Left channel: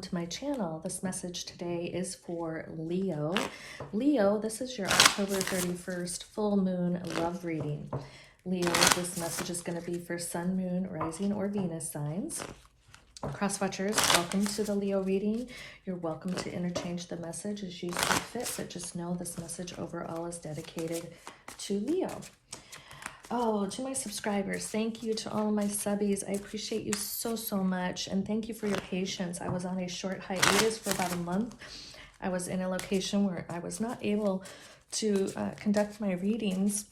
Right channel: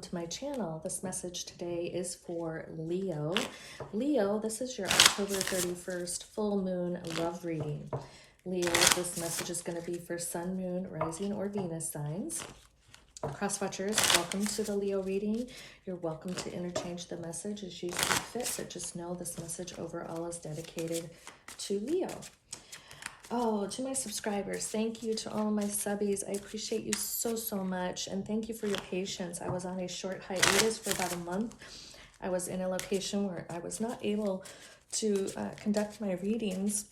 To my channel. This message today is for Leo. Leo, this is your October 31st full moon love reading. Leo, this message is going to be for Sun, Moon, Rising, or Venus signs. Cross-watchers, welcome to the Leo reading. You're welcome to interchange the message as you see fit, but just know this message overall is dedicated to Leo. Oh, to my subscribers, thank you. To all of my subbies, I appreciate you so, so much. And thank you for your patience. I was on a short hiatus for about a month. I was in a location where I was not able to conduct my readings.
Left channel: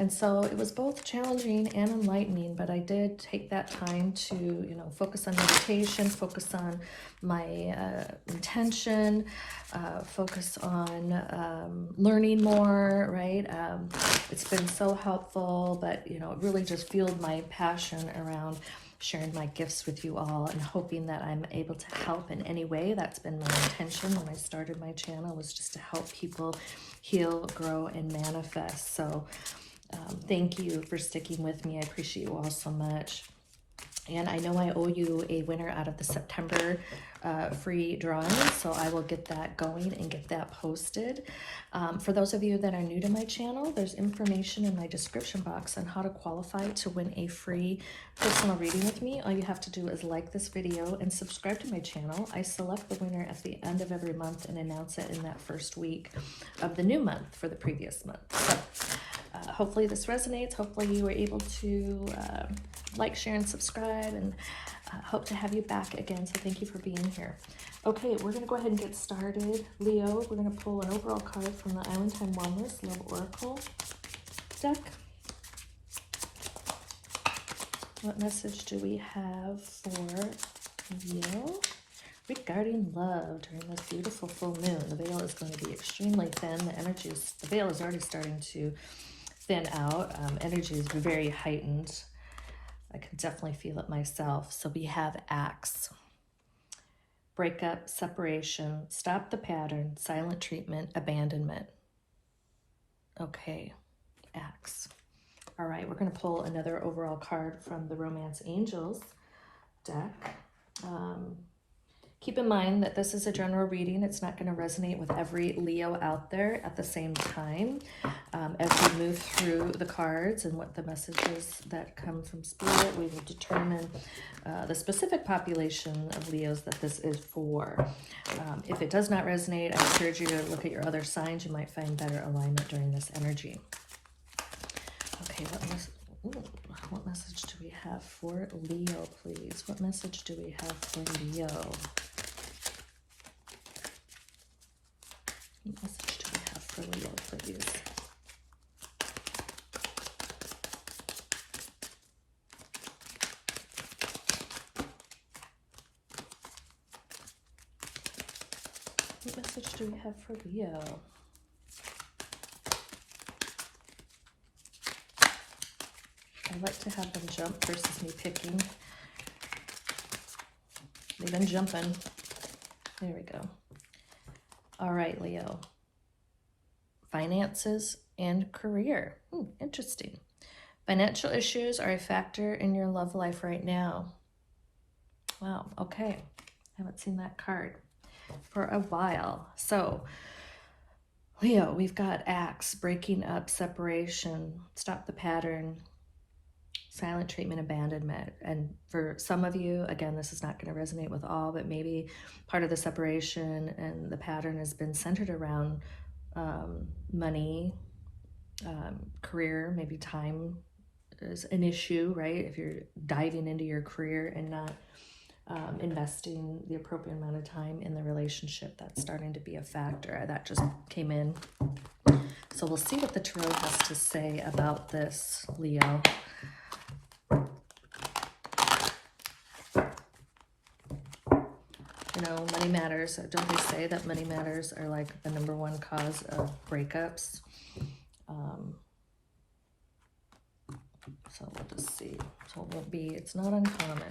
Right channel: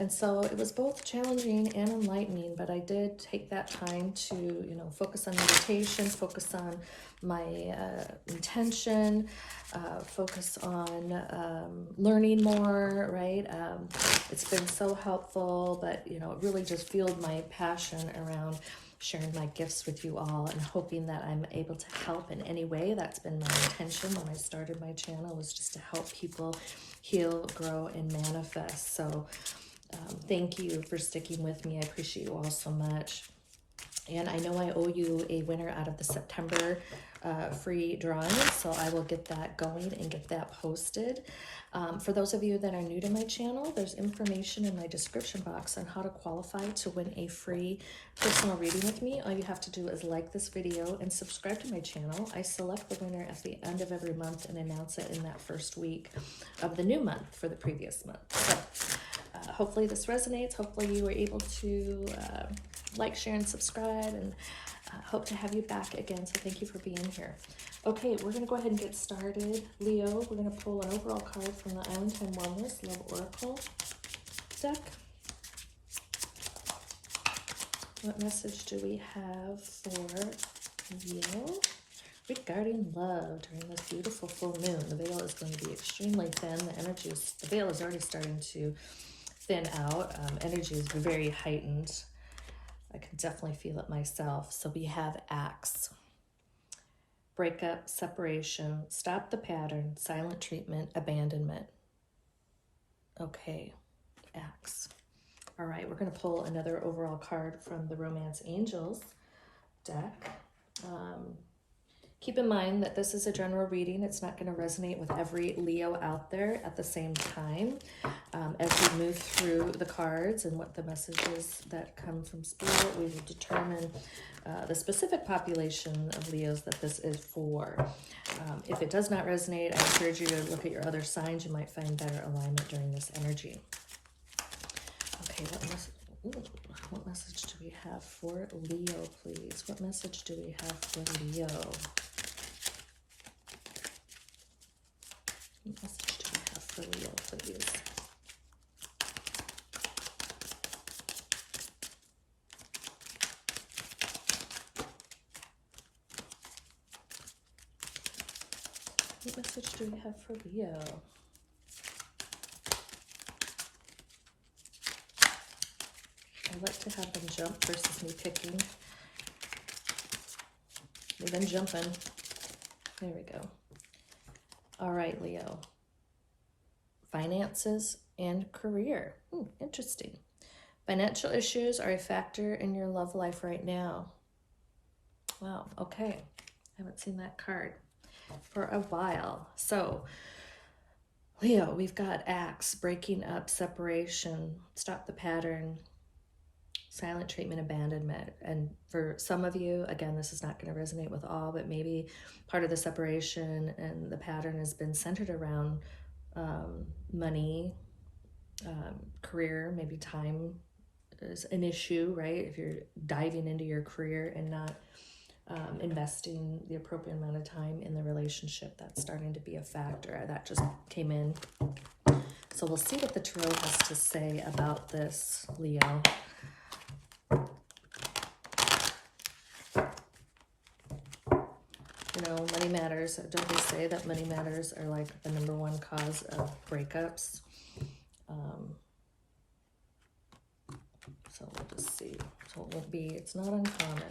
And so it was both challenging and enlightening, but I did take that time to, focus on meditation, focus on my intention, focus on learning more, right? It's been so helpful, but, it really just fueled my passion around sharing my gifts with you all and hoping that I'm able to help in any way. That's been my intention when I started my channel, was just to help people heal, grow, and manifest. So thank you for sticking with me. I appreciate you all so much. And I know I owe you a winner out of the September free drawing, so I will get that going and get that posted. For those of you that are new to my channel, there's information in my description box on how to qualify to win a free personal reading with me. All you have to do is like this video and subscribe to my channel. I select the winner at the end of every month and announce it in that first week of the new month for the previous month. So, hopefully this resonates. Hopefully you were able to like, share, and subscribe, and hope to have you back again. So thank you for being here. Okay, we're going to go ahead and get started. Leo, we're going to pull an overall card from the Island Time Oneness Love Oracle deck. What message do we have for Leo regarding love during this beautiful full moon? The veil is going to be extremely thin. The veil is already starting to thin out. Energy is very heightened. I can definitely feel it myself. So we have Axe. Breakup, separation, stop the pattern, silent treatment, abandonment. Okay, Axe. All right, we're going to pull another overall card from the Romance Angels deck. Keep in mind that this is a general reading. It's not going to resonate with every Leo out there at the same time. As we move through the cards and what the messages that come from Spirit, we will determine the specific population of Leos that this is for. If it does not resonate, I encourage you to look at your other signs. You might find better alignment during this energy. Okay, what message do we have for Leo, please? What message do we have for Leo? What message do we have for Leo, please? What message do we have for Leo? I like to have them jump versus me picking. They've been jumping. There we go. All right, Leo. Finances and career. Interesting. Financial issues are a factor in your love life right now. Wow, okay. I haven't seen that card for a while. So, Leo, we've got Axe, breaking up, separation, stop the pattern, silent treatment, abandonment. And for some of you, again, this is not going to resonate with all, but maybe part of the separation and the pattern has been centered around money, career, maybe time is an issue, right? If you're diving into your career and not investing the appropriate amount of time in the relationship, that's starting to be a factor. That just came in. So we'll see what the tarot has to say about this, Leo. Money matters. Don't they say that money matters are like the #1 cause of breakups? So we'll just see. So it won't be, it's not uncommon.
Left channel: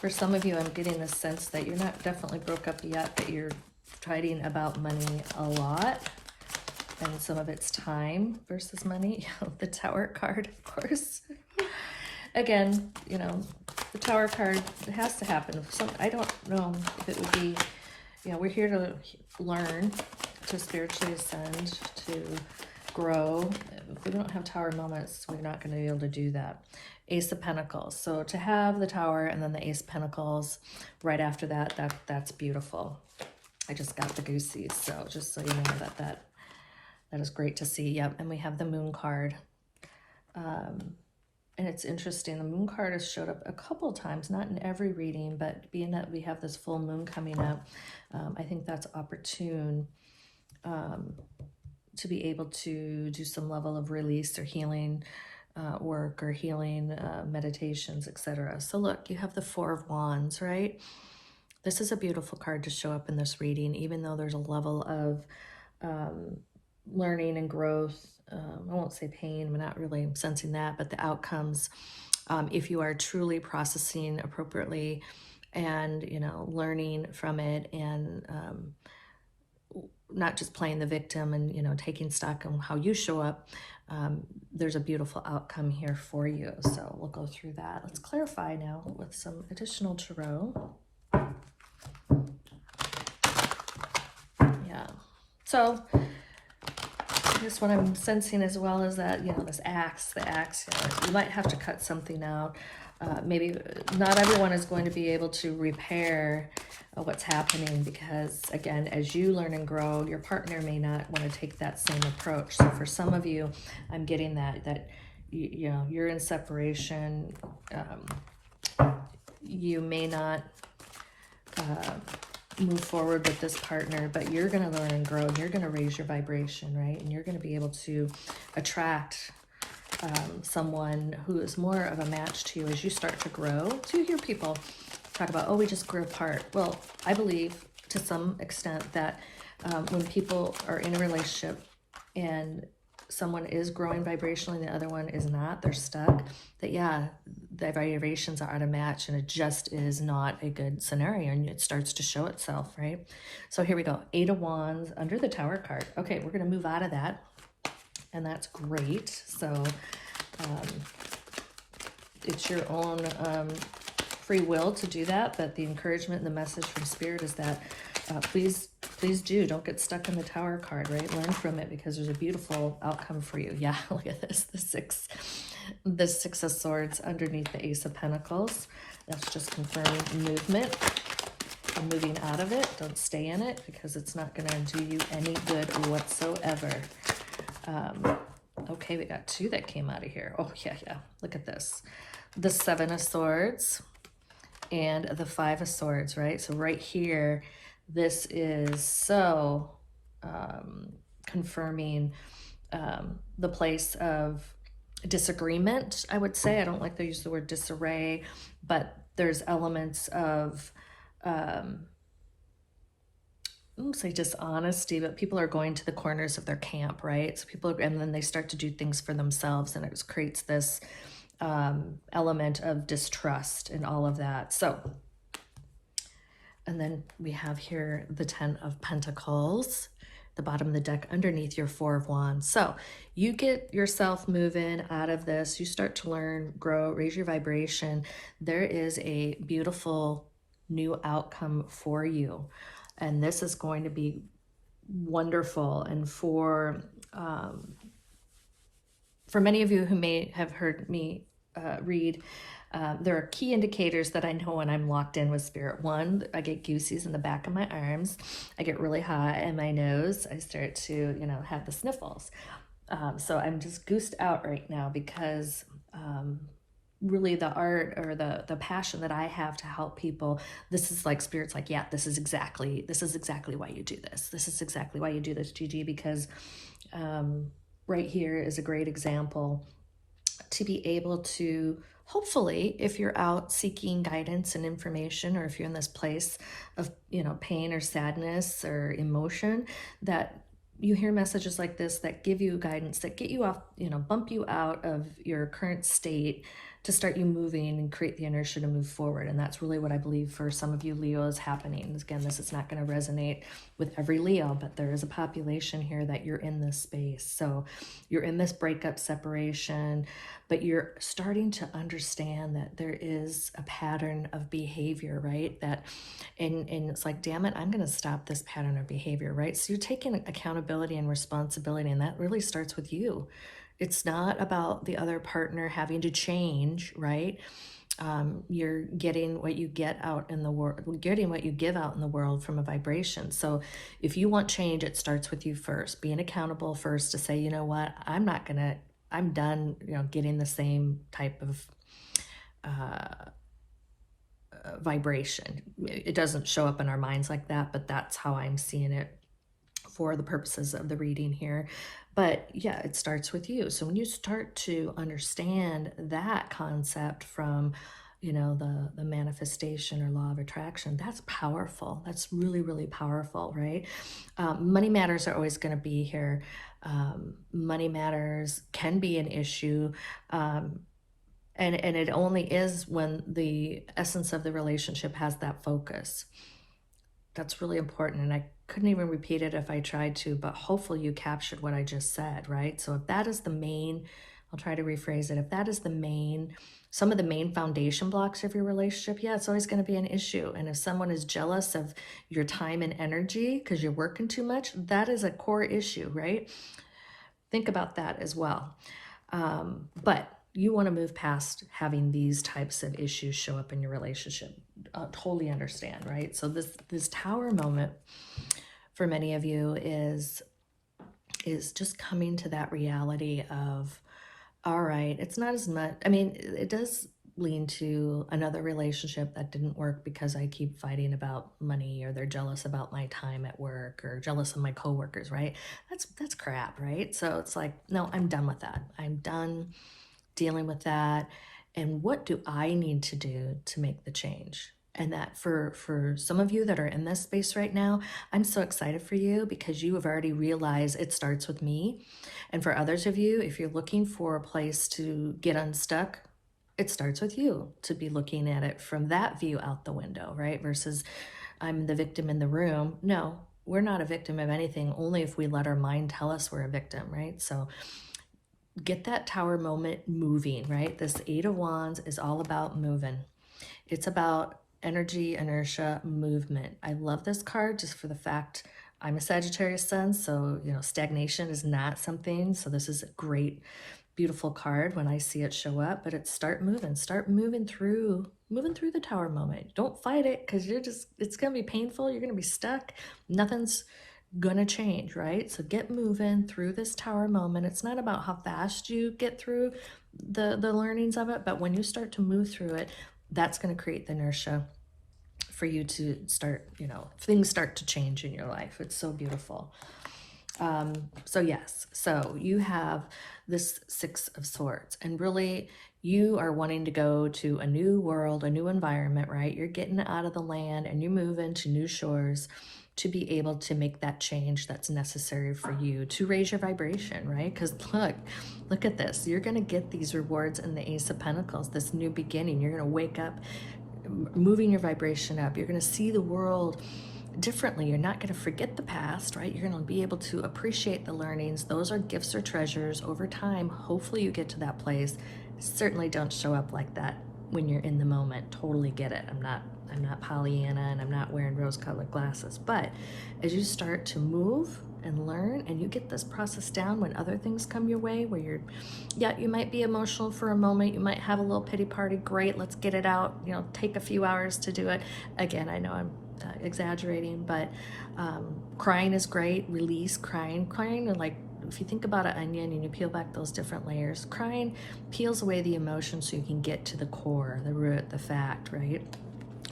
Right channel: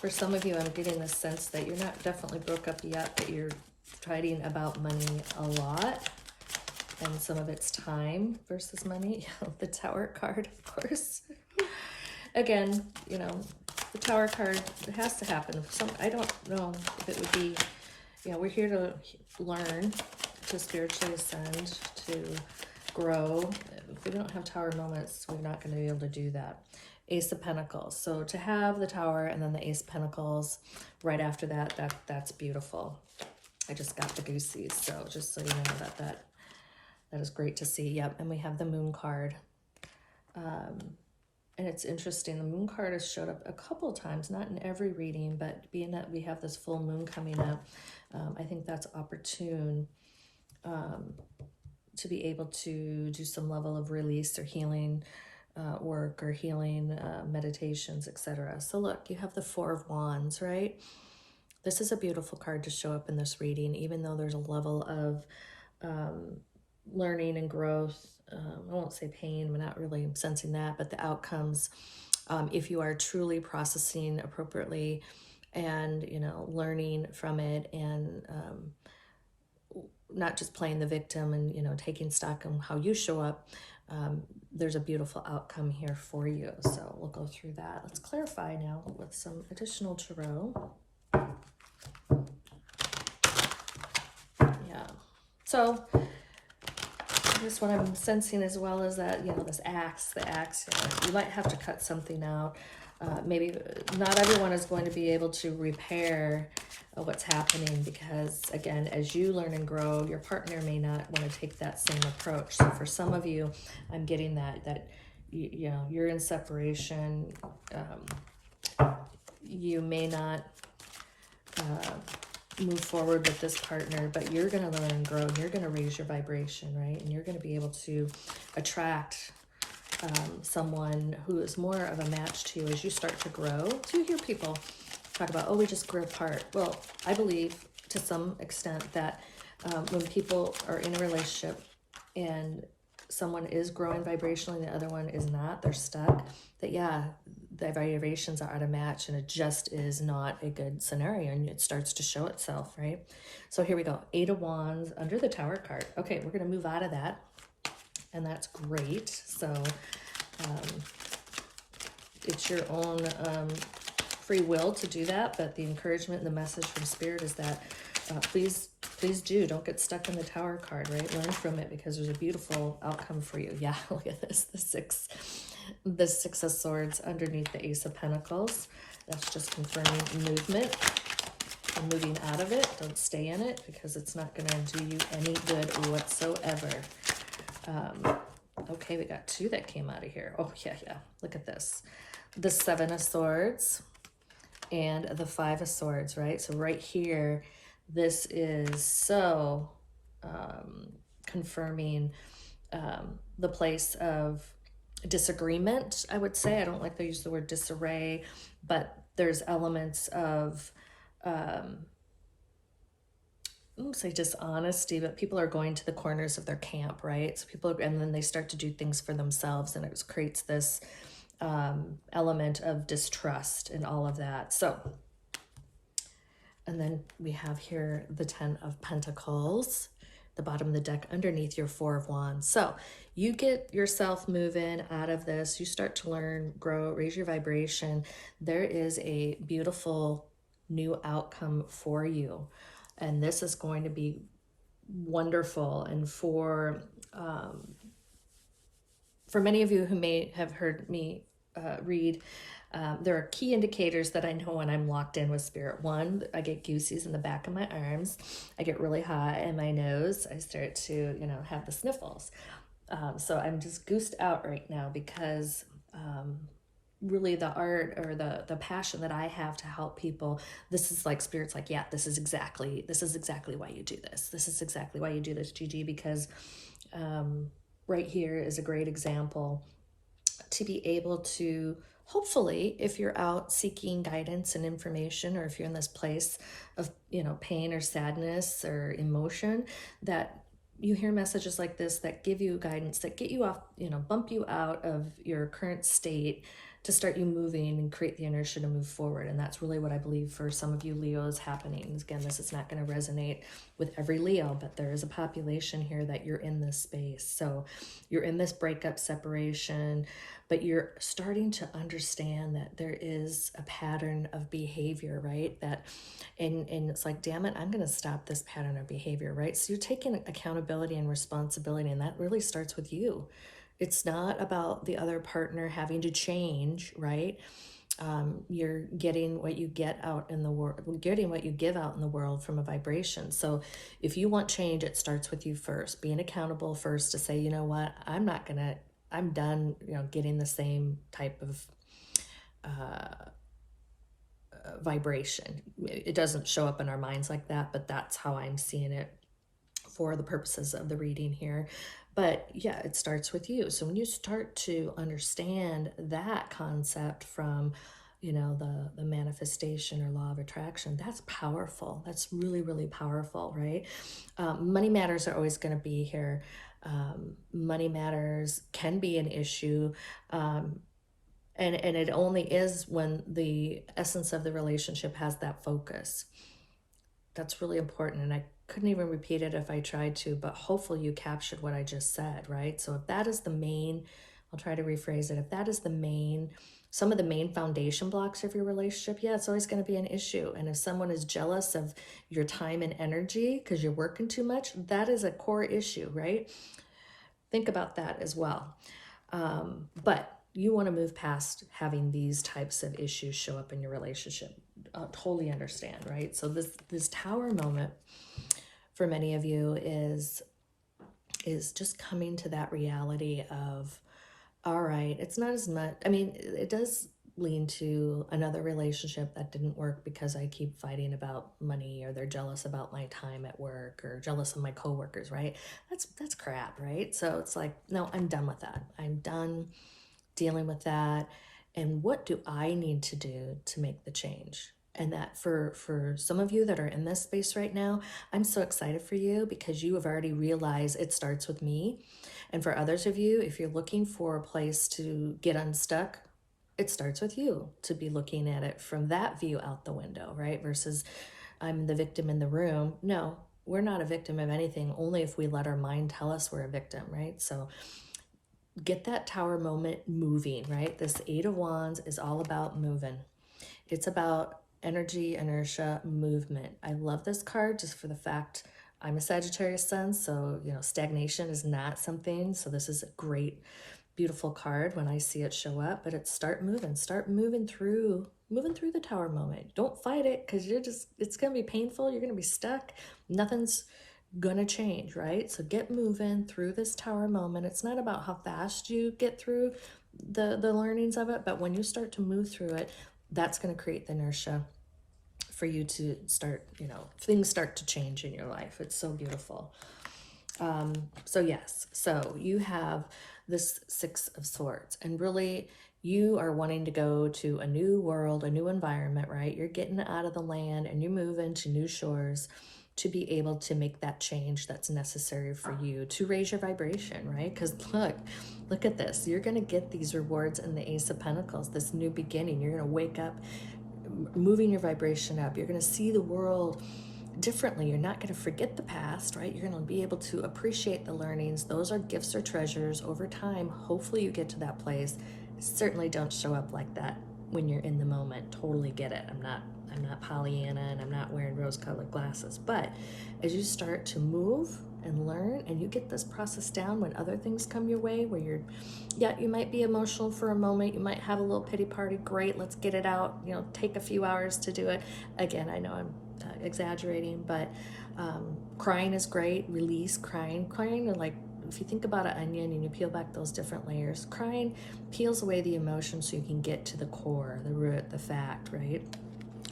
For some of you, I'm getting the sense that you're not definitely broke up yet, but you're fighting about money a lot. And some of it's time versus money. The Tower card, of course. Again, you know, the Tower card, it has to happen. So I don't know if it would be, you know, we're here to learn, to spiritually ascend, to grow. If we don't have Tower moments, we're not going to be able to do that. Ace of Pentacles. So to have the Tower and then the Ace of Pentacles right after that, that's beautiful. I just got the goosies, so just so you know that is great to see. Yep, and we have the Moon card. And it's interesting, the Moon card has showed up a couple times, not in every reading, but being that we have this full moon coming up, I think that's opportune to be able to do some level of release or healing work or healing meditations, etc. So look, you have the Four of Wands, right? This is a beautiful card to show up in this reading, even though there's a level of learning and growth. I won't say pain, I'm not really sensing that, but the outcomes, if you are truly processing appropriately and, you know, learning from it and not just playing the victim and, you know, taking stock on how you show up, there's a beautiful outcome here for you. So we'll go through that. Let's clarify now with some additional tarot. Yeah. So I guess what I'm sensing as well is that, you know, this axe, the axe, you might have to cut something out. Maybe not everyone is going to be able to repair what's happening because, again, as you learn and grow, your partner may not want to take that same approach. So for some of you, I'm getting that you know, you're in separation. You may not move forward with this partner, but you're going to learn and grow. You're going to raise your vibration, right? And you're going to be able to attract someone who is more of a match to you as you start to grow. So you hear people talk about, oh, we just grew apart. Well, I believe to some extent that when people are in a relationship and someone is growing vibrationally, the other one is not, they're stuck, that yeah, the vibrations are out of match and it just is not a good scenario and it starts to show itself, right? So here we go, Eight of Wands under the Tower card. Okay, we're going to move out of that, and that's great. So it's your own free will to do that, but the encouragement and the message from Spirit is that please don't get stuck in the Tower card, right? Learn from it because there's a beautiful outcome for you. Yeah, look at this, the Six of Swords underneath the Ace of Pentacles. That's just confirming movement and moving out of it. Don't stay in it because it's not going to do you any good whatsoever. Okay, we got two that came out of here. Oh, yeah. Look at this. The Seven of Swords and the Five of Swords, right? So right here, this is so confirming the place of disagreement, I would say. I don't like to use the word disarray, but there's elements of I won't say dishonesty, but people are going to the corners of their camp, right? So people, and then they start to do things for themselves, and it creates this element of distrust and all of that. So, and then we have here the Ten of Pentacles, the bottom of the deck underneath your Four of Wands. So you get yourself moving out of this, you start to learn, grow, raise your vibration. There is a beautiful new outcome for you. And this is going to be wonderful. And for many of you who may have heard me read, there are key indicators that I know when I'm locked in with Spirit. One, I get goosies in the back of my arms. I get really hot in my nose. I start to, you know, have the sniffles. So I'm just goosed out right now because really the art or the passion that I have to help people, this is like Spirit's like, yeah, this is exactly why you do this. This is exactly why you do this, Gigi, because right here is a great example to be able to, hopefully, if you're out seeking guidance and information, or if you're in this place of, you know, pain or sadness or emotion, that you hear messages like this that give you guidance, that get you off, bump you out of your current state to start you moving and create the inertia to move forward. And that's really what I believe for some of you Leo is happening. Again, this is not going to resonate with every Leo, but there is a population here that you're in this space. So you're in this breakup, separation, but you're starting to understand that there is a pattern of behavior, right? And it's like, damn it, I'm going to stop this pattern of behavior, right? So you're taking accountability and responsibility, and that really starts with you. It's not about the other partner having to change, right? You're getting what you get out in the world, getting what you give out in the world from a vibration. So if you want change, it starts with you first, being accountable first to say, you know what, I'm done, getting the same type of vibration. It doesn't show up in our minds like that, but that's how I'm seeing it for the purposes of the reading here. But yeah, it starts with you. So when you start to understand that concept from, the manifestation or law of attraction, that's powerful. That's really, really powerful, right? Money matters are always going to be here. Money matters can be an issue. And it only is when the essence of the relationship has that focus. That's really important. And I couldn't even repeat it if I tried to, but hopefully you captured what I just said, right? So if that is the main, I'll try to rephrase it. If that is some of the main foundation blocks of your relationship, yeah, it's always going to be an issue. And if someone is jealous of your time and energy because you're working too much, that is a core issue, right? Think about that as well. But you want to move past having these types of issues show up in your relationship. Totally understand, right? So this tower moment for many of you is just coming to that reality of, all right, it's not as much, it does lean to another relationship that didn't work because I keep fighting about money, or they're jealous about my time at work, or jealous of my coworkers, right? That's crap, right? So it's like, no, I'm done with that. I'm done dealing with that. And what do I need to do to make the change? And that for some of you that are in this space right now, I'm so excited for you because you have already realized it starts with me. And for others of you, if you're looking for a place to get unstuck, it starts with you to be looking at it from that view out the window, right? Versus I'm the victim in the room. No, we're not a victim of anything, only if we let our mind tell us we're a victim, right? So get that tower moment moving, right? This Eight of Wands is all about moving. It's about energy, inertia, movement. I love this card just for the fact I'm a Sagittarius sun, so stagnation is not something. So this is a great, beautiful card when I see it show up. But it's start moving through the tower moment. Don't fight it because it's gonna be painful. You're gonna be stuck. Nothing's gonna change, right? So get moving through this tower moment. It's not about how fast you get through the learnings of it, but when you start to move through it, that's going to create the inertia for you to start, things start to change in your life. It's so beautiful. So yes, so you have this Six of Swords, and really you are wanting to go to a new world, a new environment, right? You're getting out of the land and you're moving to new shores to be able to make that change that's necessary for you to raise your vibration, right? Because look at this. You're going to get these rewards in the Ace of Pentacles, this new beginning. You're going to wake up, moving your vibration up. You're going to see the world differently. You're not going to forget the past, right? You're going to be able to appreciate the learnings. Those are gifts or treasures over time. Hopefully you get to that place. Certainly don't show up like that when you're in the moment. Totally get it. I'm not Pollyanna, and I'm not wearing rose-colored glasses. But as you start to move and learn, and you get this process down when other things come your way, where you might be emotional for a moment, you might have a little pity party. Great, let's get it out. Take a few hours to do it. Again, I know I'm exaggerating, but crying is great. Release crying, and like, if you think about an onion and you peel back those different layers, crying peels away the emotion so you can get to the core, the root, the fact, right?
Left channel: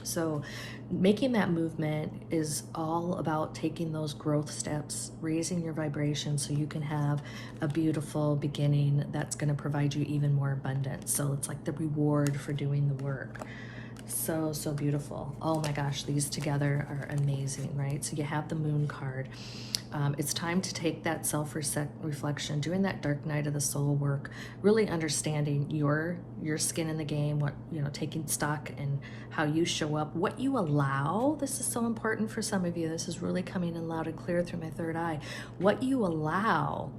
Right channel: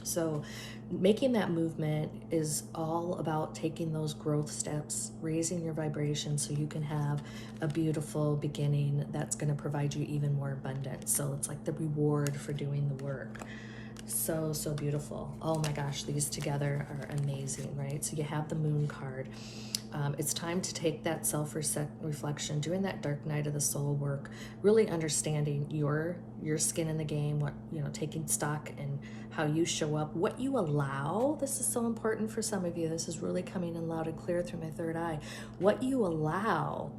So making that movement is all about taking those growth steps, raising your vibration so you can have a beautiful beginning that's going to provide you even more abundance. So it's like the reward for doing the work. So beautiful. Oh my gosh, these together are amazing, right? So you have the Moon card. It's time to take that self-reflection, doing that dark night of the soul work, really understanding your skin in the game, what, taking stock in how you show up, what you allow. This is so important for some of you. This is really coming in loud and clear through my third eye. What you allow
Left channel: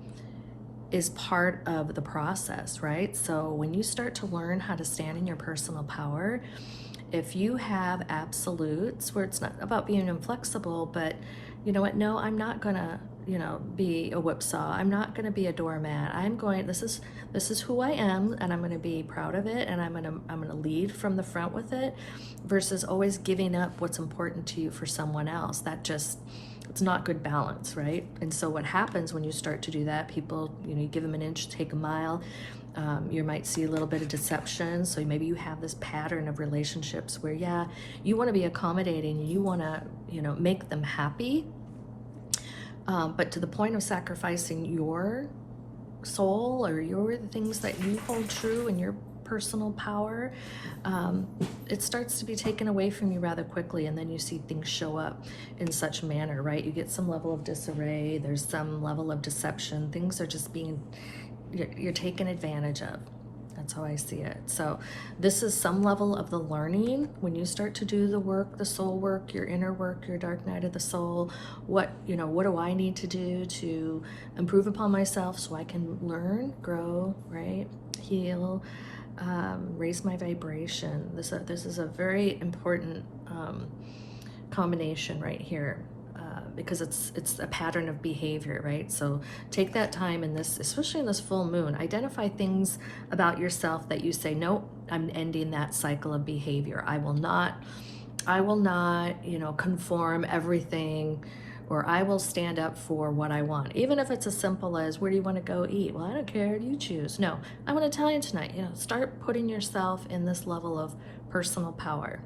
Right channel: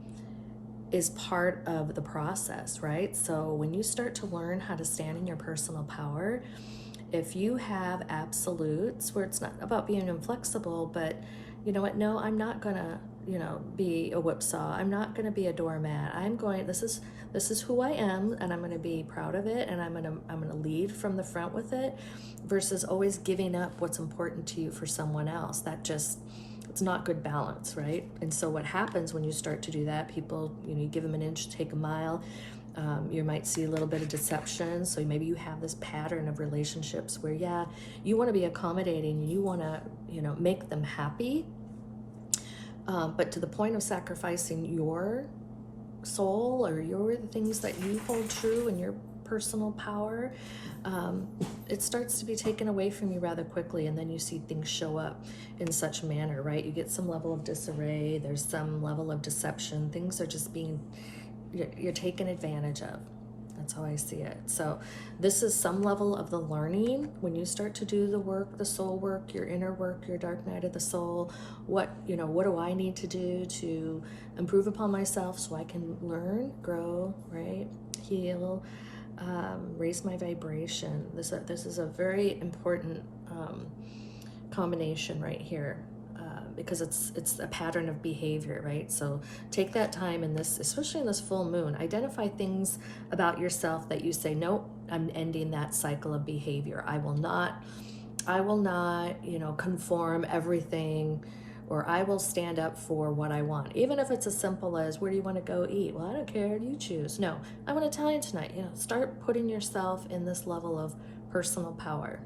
is part of the process, right? So when you start to learn how to stand in your personal power, if you have absolutes where it's not about being inflexible, but you know what, no, I'm not gonna, be a whipsaw. I'm not gonna be a doormat. This is who I am, and I'm gonna be proud of it, and I'm gonna lead from the front with it, versus always giving up what's important to you for someone else. It's not good balance, right? And so what happens when you start to do that, people, you give them an inch, take a mile. You might see a little bit of deception. So maybe you have this pattern of relationships where, you want to be accommodating, you want to, make them happy, but to the point of sacrificing your soul or the things that you hold true in your personal power, it starts to be taken away from you rather quickly, and then you see things show up in such a manner, right? You get some level of disarray, there's some level of deception, things are just you're taken advantage of. That's how I see it. So this is some level of the learning when you start to do the work, the soul work, your inner work, your dark night of the soul. What do I need to do to improve upon myself so I can learn, grow, right? Heal, raise my vibration. This is a very important combination right here. Because it's a pattern of behavior, right? So take that time in this, especially in this full moon, identify things about yourself that you say, nope, I'm ending that cycle of behavior. I will not, conform everything, or I will stand up for what I want. Even if it's as simple as, where do you want to go eat? Well, I don't care, you choose. No, I'm going to tell you tonight, start putting yourself in this level of personal power.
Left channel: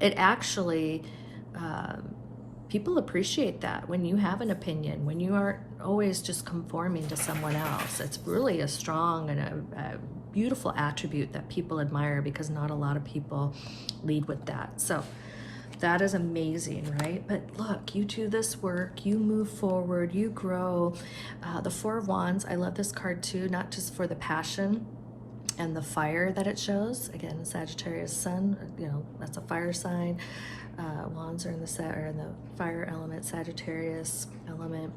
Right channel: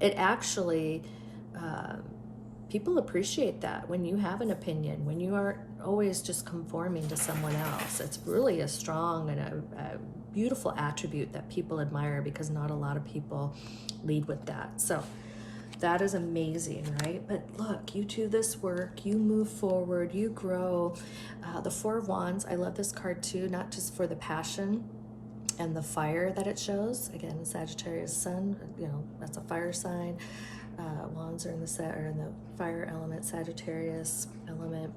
It actually, people appreciate that when you have an opinion, when you aren't always just conforming to someone else. It's really a strong and a beautiful attribute that people admire, because not a lot of people lead with that. So that is amazing, right? But look, you do this work, you move forward, you grow. The Four of Wands, I love this card too, not just for the passion and the fire that it shows. Again, Sagittarius sun, that's a fire sign. Wands are in the fire element, Sagittarius element.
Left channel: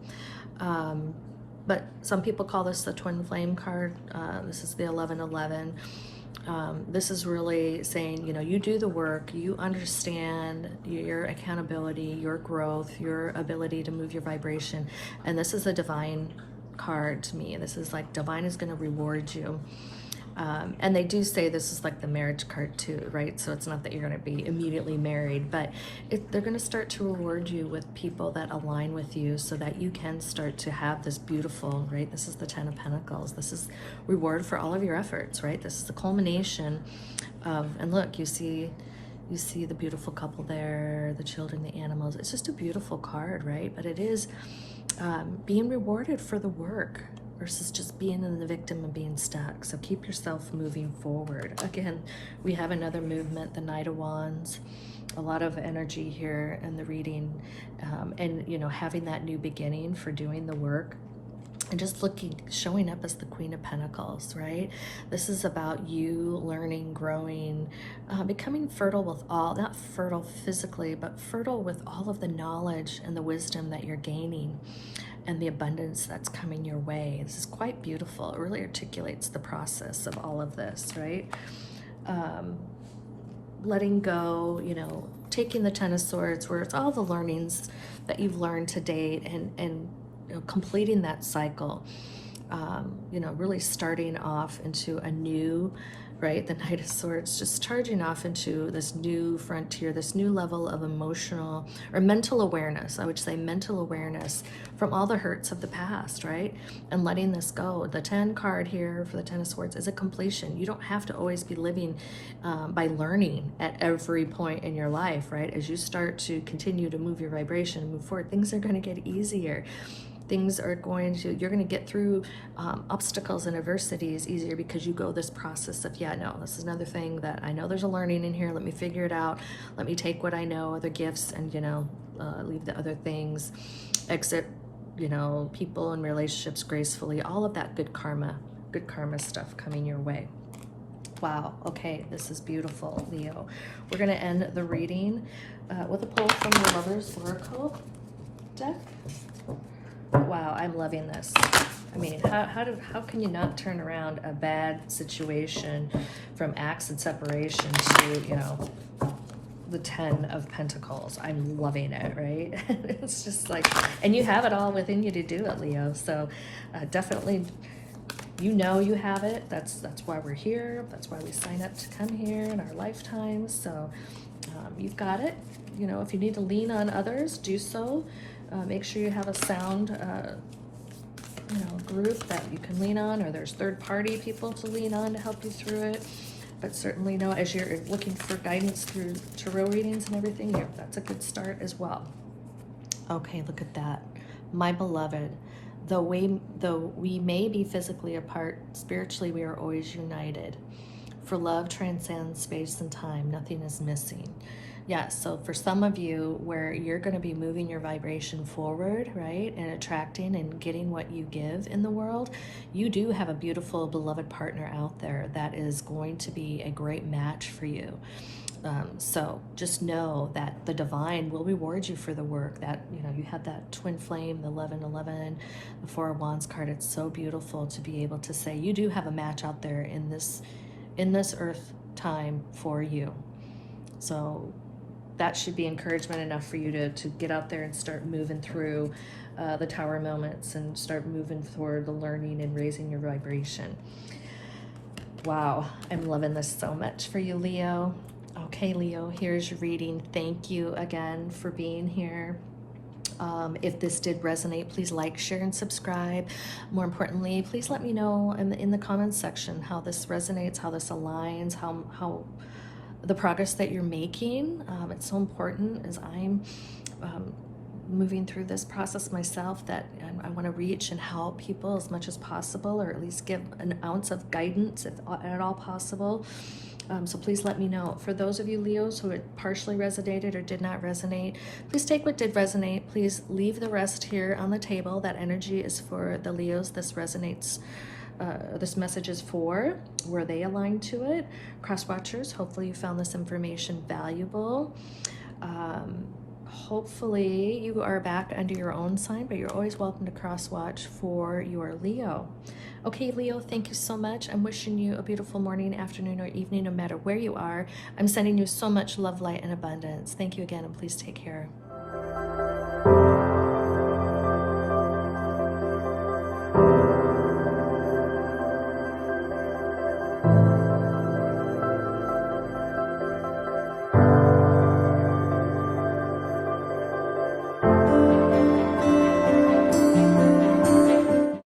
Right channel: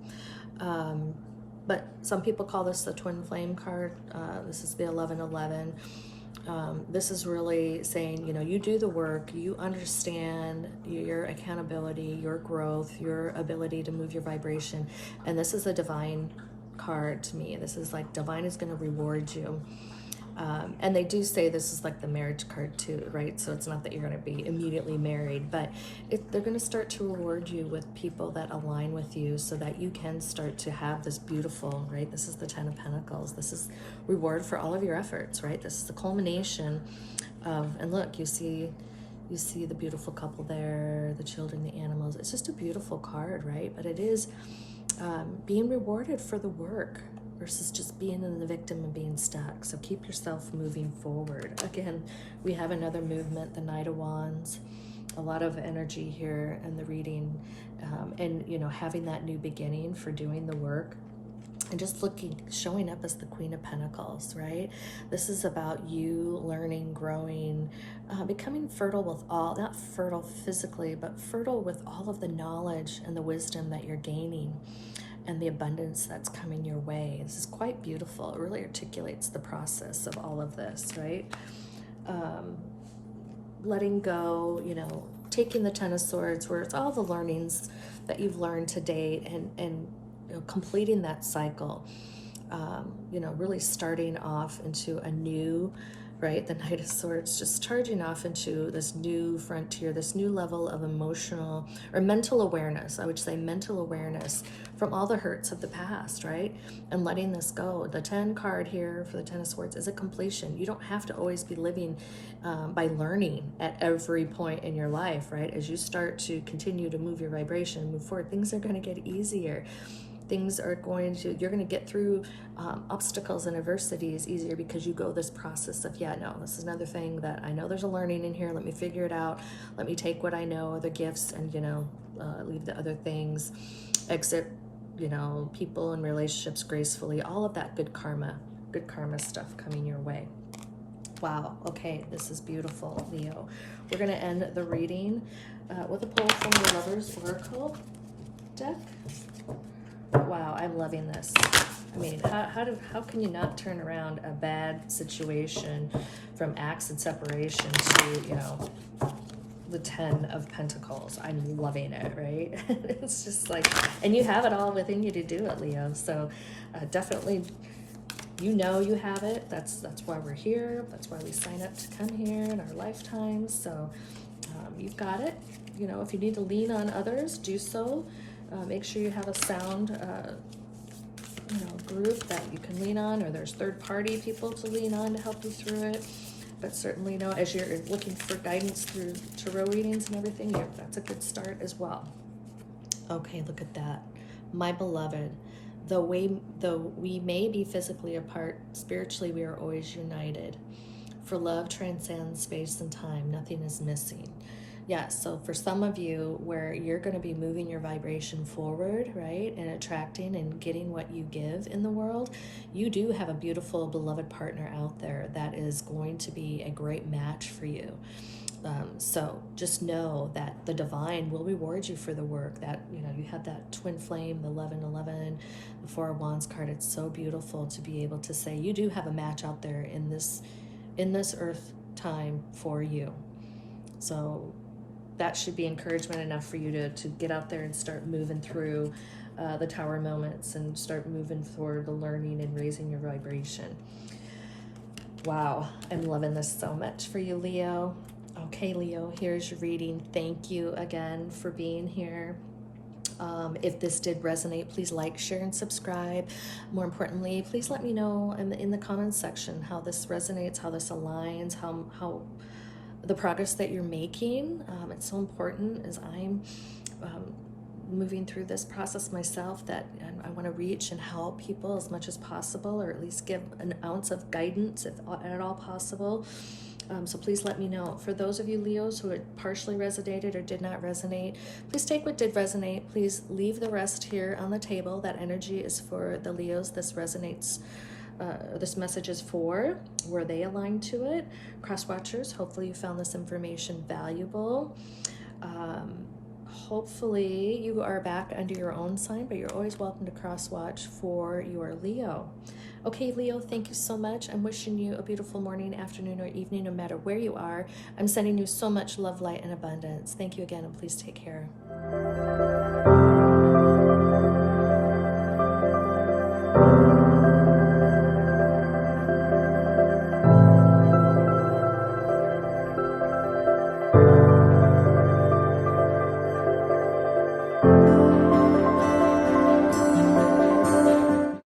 But some people call this the twin flame card. This is the 1111. This is really saying, you do the work, you understand your accountability, your growth, your ability to move your vibration. And this is a divine card to me. This is like divine is going to reward you. And they do say this is like the marriage card too, right? So it's not that you're going to be immediately married, but they're going to start to reward you with people that align with you, so that you can start to have this beautiful, right? This is the 10 of Pentacles. This is reward for all of your efforts, right? This is the culmination of, and look, you see the beautiful couple there, the children, the animals. It's just a beautiful card, right? But it is being rewarded for the work, versus just being in the victim and being stuck. So keep yourself moving forward. Again, we have another movement, the Knight of Wands. A lot of energy here in the reading, and having that new beginning for doing the work. And just showing up as the Queen of Pentacles, right? This is about you learning, growing, becoming fertile with not fertile physically, but fertile with all of the knowledge and the wisdom that you're gaining, and the abundance that's coming your way. This is quite beautiful. It really articulates the process of all of this, right? Letting go, taking the 10 of Swords, where it's all the learnings that you've learned to date, and completing that cycle, really starting off into a new, right? The Knight of Swords, just charging off into this new frontier, this new level of emotional or mental awareness. I would say mental awareness from all the hurts of the past, right? And letting this go. The 10 card here for the 10 of Swords is a completion. You don't have to always be living by learning at every point in your life, right? As you start to continue to move your vibration and move forward, things are going to get easier. You're going to get through obstacles and adversities easier, because you go this process of, this is another thing that I know there's a learning in here. Let me figure it out. Let me take what I know, the gifts, and, leave the other things. Exit you know, people and relationships gracefully, all of that good karma stuff coming your way. Wow, okay, this is beautiful, Leo. We're going to end the reading with a pull from the Lover's Oracle deck. Wow, I'm loving this. I mean, how can you not turn around a bad situation from acts and separation to, you know, the 10 of Pentacles? I'm loving it, right? It's just like, and you have it all within you to do it, Leo. So definitely, you know you have it. That's why we're here. That's why we sign up to come here in our lifetimes. So you've got it. You know, if you need to lean on others, do so. Make sure you have a sound group that you can lean on, or there's third-party people to lean on to help you through it. But certainly know, as you're looking for guidance through tarot readings and everything, that's a good start as well. Okay, look at that. My beloved, though we may be physically apart, spiritually we are always united. For love transcends space and time, nothing is missing. Yeah, so for some of you, where you're going to be moving your vibration forward, right, and attracting and getting what you give in the world, you do have a beautiful, beloved partner out there that is going to be a great match for you. So just know that the divine will reward you for the work. That, you know, you have that twin flame, the 1111, the Four of Wands card. It's so beautiful to be able to say you do have a match out there in this earth time for you. So that should be encouragement enough for you to get out there and start moving through the tower moments and start moving toward the learning and raising your vibration. Wow, I'm loving this so much for you, Leo. Okay, Leo, here's your reading. Thank you again for being here. If this did resonate, please like, share, and subscribe. More importantly, please let me know in the comments section how this resonates, how this aligns, how the progress that you're making. It's so important as I'm moving through this process myself, that I want to reach and help people as much as possible, or at least give an ounce of guidance if at all possible. So please let me know. For those of you Leos who it partially resonated or did not resonate, please take what did resonate. Please leave the rest here on the table. That energy is for the Leos. This resonates. This message is for where they align to it. Cross watchers, hopefully you found this information valuable. Hopefully you are back under your own sign, but you're always welcome to cross watch for your Leo. Okay, Leo, thank you so much. I'm wishing you a beautiful morning, afternoon, or evening, no matter where you are. I'm sending you so much love, light, and abundance. Thank you again, and please take care.